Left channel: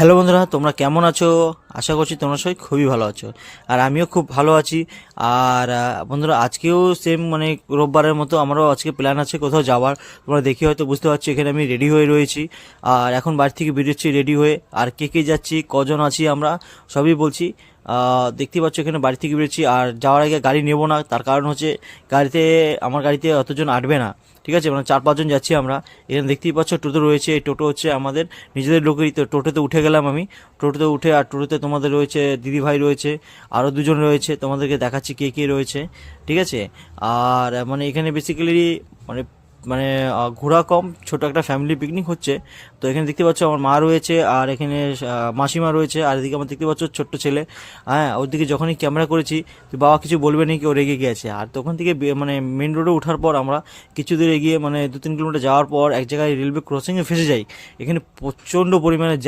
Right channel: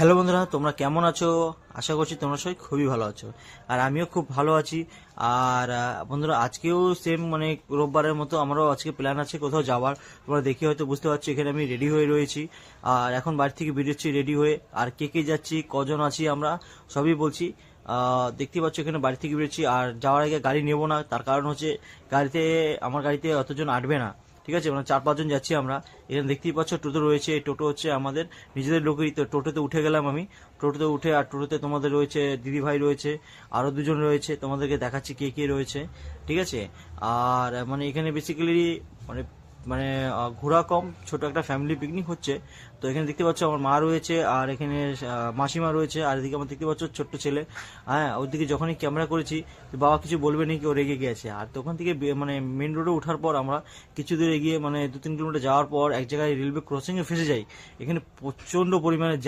Hello বন্ধুরা, তোমরা কেমন আছো? আশা করছি তোমরা সবাই খুবই ভালো আছো, আর আমিও খুব ভালো আছি। আর বন্ধুরা, আজকেও সেম মানে রোববারের মতো আমারও আজকে প্ল্যান আছে কোথাও যাওয়ার। তোমরা দেখি হয়তো বুঝতে পারছো, এখানে আমি রেডি হয়ে রয়েছি। আর এখন বাড়ি থেকে বেরোচ্ছি রেডি হয়ে। আর কে কে যাচ্ছি, কজন আছি আমরা, সবই বলছি। দেখতে পাচ্ছ এখানে বাড়ি থেকে বেরোচ্ছি। আর যাওয়ার আগে গাড়ি নেবো না, তার কারণ হচ্ছে আমার গাড়িতে অতজন আটবে না। ঠিক আছে, মানে 4-5 জন যাচ্ছি আমরা। এখানে দেখতেই পাচ্ছ টোটো রয়েছে, এই টোটো হচ্ছে আমাদের নিজেদের লোকেরই। তো টোটোতে উঠে গেলাম আমি। টোটোতে উঠে, আর টোটোতে তোমাদের রয়েছে দিদি ভাই রয়েছে, আরও দুজন রয়েছে, তোমাদেরকে দেখাচ্ছি কে কে রয়েছে। ঠিক আছে। আর মানে এখানে বেসিক্যালি মানে মানে ঘোরা কম, ছোট একটা ফ্যামিলি পিকনিক হচ্ছে। তো এখানে দেখতে পাচ্ছ আমার মা রয়েছে, আর এখানে মাসিমা রয়েছে, আর এদিকে আমার দেখতে পাচ্ছ ছোট্ট ছেলে। হ্যাঁ, ওর দিকে যখনই ক্যামেরা করেছি তো বাবা কিছু বলবে নাকি, ও রেগে গেছে। আর তখন থেকে মানে মেন রোডে ওঠার পর আমরা কিছু দূর এগিয়ে, মানে 2-3 কিলোমিটার যাওয়ার পর এক জায়গায় রেলওয়ে ক্রসিংয়ে ফেসে যাই। এখানে প্রচণ্ড পরিমাণে